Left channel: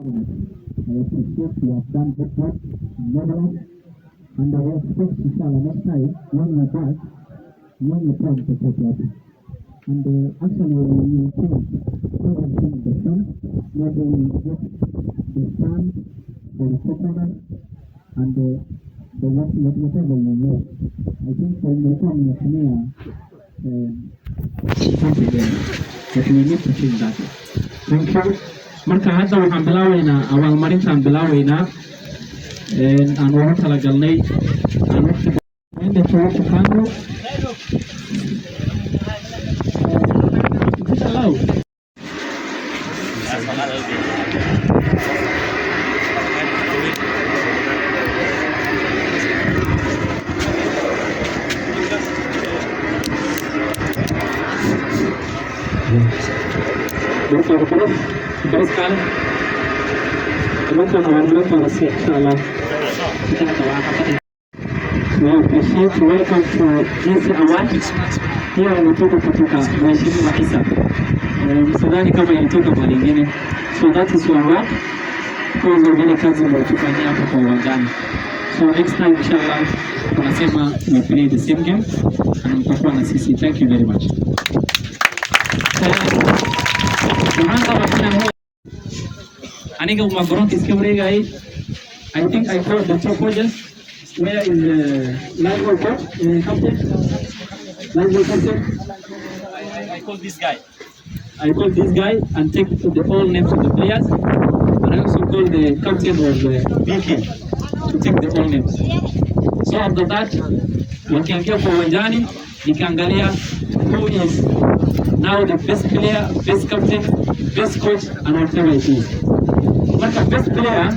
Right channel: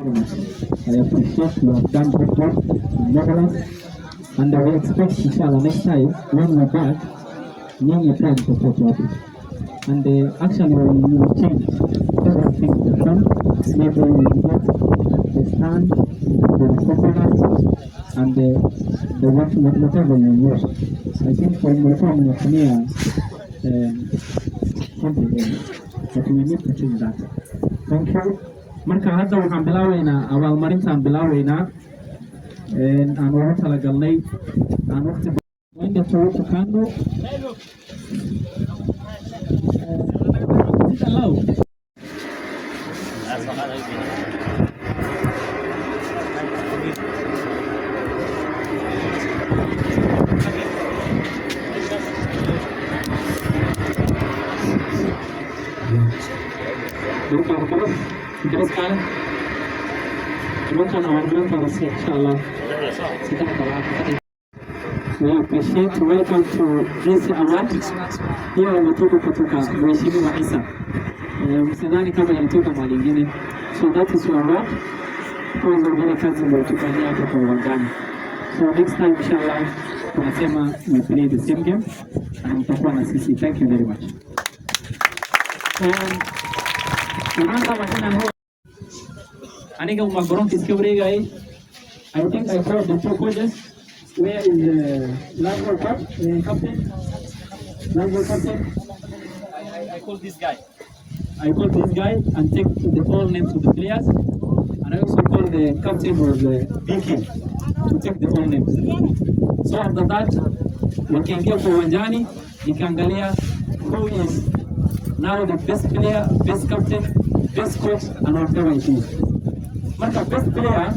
I appreciate you have done good work in Netherlands, and I will expect inshallah next time when we're back, need your time to support it. And actually we will change everything from maybe we get the stand, the coconut, and whatever you use. I think for the form of here, but we need to change that. Thank you. marka hadda waxaan bilaabaynaa abaalmarintaan bilaabaynaa aan ugu talagalnay aan waqti inta soo shaqaano hello terus kan mungkin awal-awal terus inshallah kita doa apa we appreciate welcome to this award here umetoka kutoka mheshimiwa Isa msadhani kama ilitoka kwa lingine so that is your award kwa zile kazi mlizofanyia hapo kwa uwanjani so next time inshallah tunasema we play the same game na mtakuwa na sisi thank you very much aniga uma garoonka iska wareegayay I think I called the two coaches where is the national coach captain I called this guy and take the all names of the players and I also called the captain of the BK to take the all names so after that wakiingia kwa uwanjani nikaangalia who is now the best player, best captain, best coach, and whatever it is. But the best player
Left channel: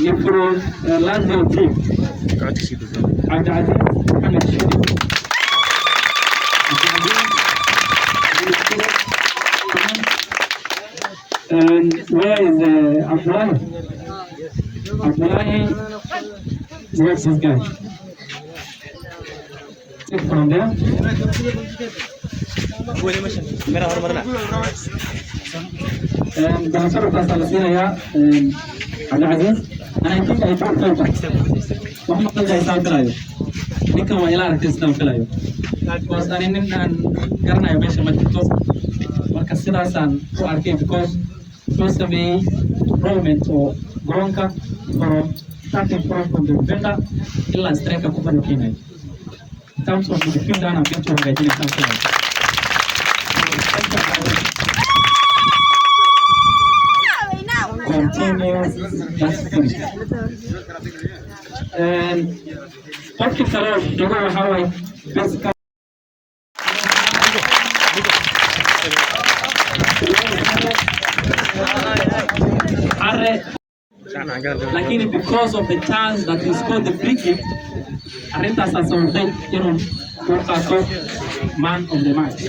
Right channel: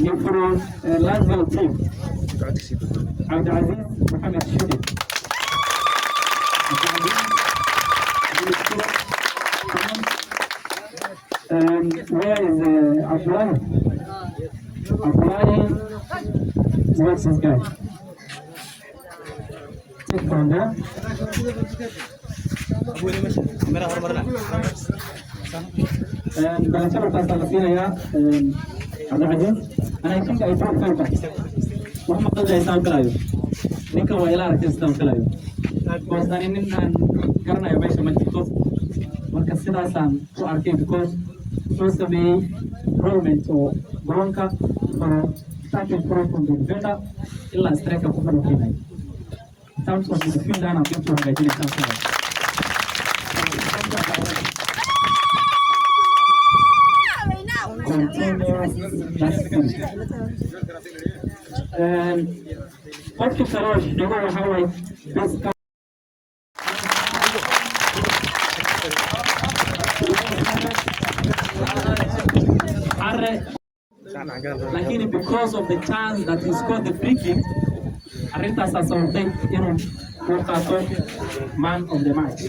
is from Lazio team. Abdulaziz Mohamed Shidi. And where is Abdullah? Abdullah, where's this guy? Take from there. بنصر الثلاثين يا عبد العزيز أنا يمكن أن يكون فوق وهم قد يسال كلايو لكن هو إلى ركز تام كلايو بس أنا نحن كرنا يبيش متكوس وكسر أسان وأركي بكوس close to me improvement to Bronca from starting from the defender إلا striker كمان كيناي in terms of the defender أنا بيجوا هاي something continue just finish and Dr. Salon, you know how I best come lakini because of the chance that he scored the free kick Arenta sasa man of the match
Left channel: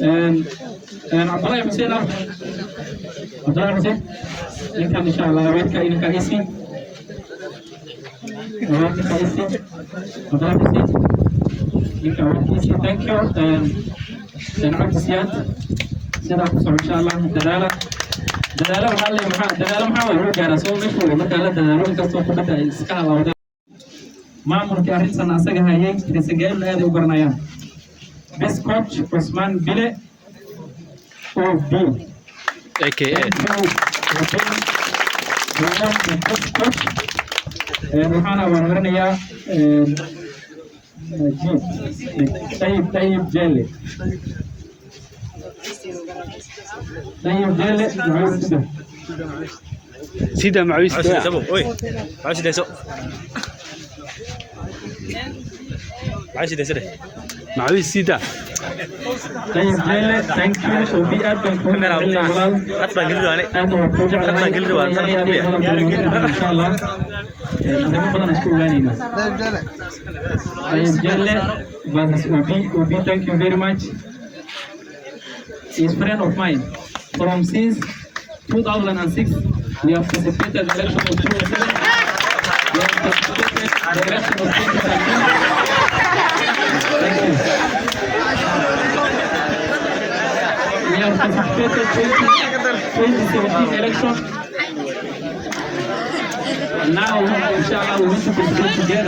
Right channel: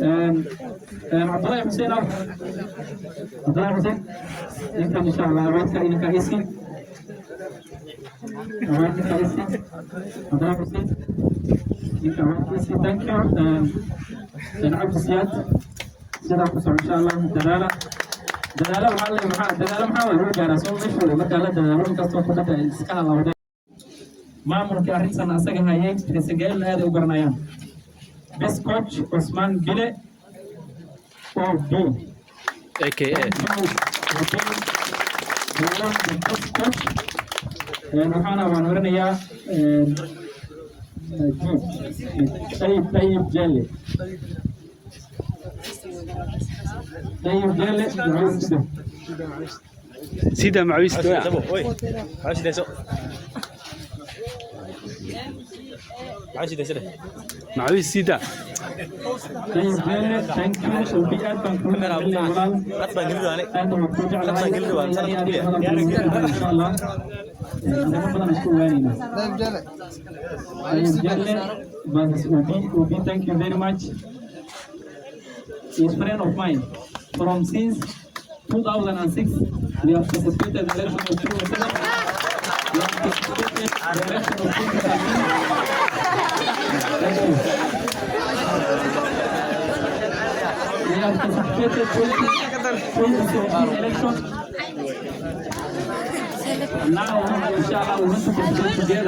and Abdullah Hussein income inshallah weka inaka isi Abdullah Hussein isi thank you and practice yet sida ku soo inshallah dadaalo maxaa loo gaaraa soo meesha marka la dadaalo inkastoo ku dhacay iska halawda maamulka arrintan asaga hayay isageel aad u garanayaan best coach Osman Bile of B aka waxaana wararinayaa طيب جالي سيدا معويس ده معويس ده سو معويس ده سيدا معويس سيدا طيب جالي ثانك يو وبي ادم كنا اطلع قلبي عليه اطلع قلبي ان شاء الله أنا بدنا نشكر ويننا طيب جالي بس وبي thank you very much is friend of mine from since 2006 we have participated in the election of 2007 we have participated in the election of 2013 thank you we have participated in the 2017 election. And now, inshallah, we want to compete together.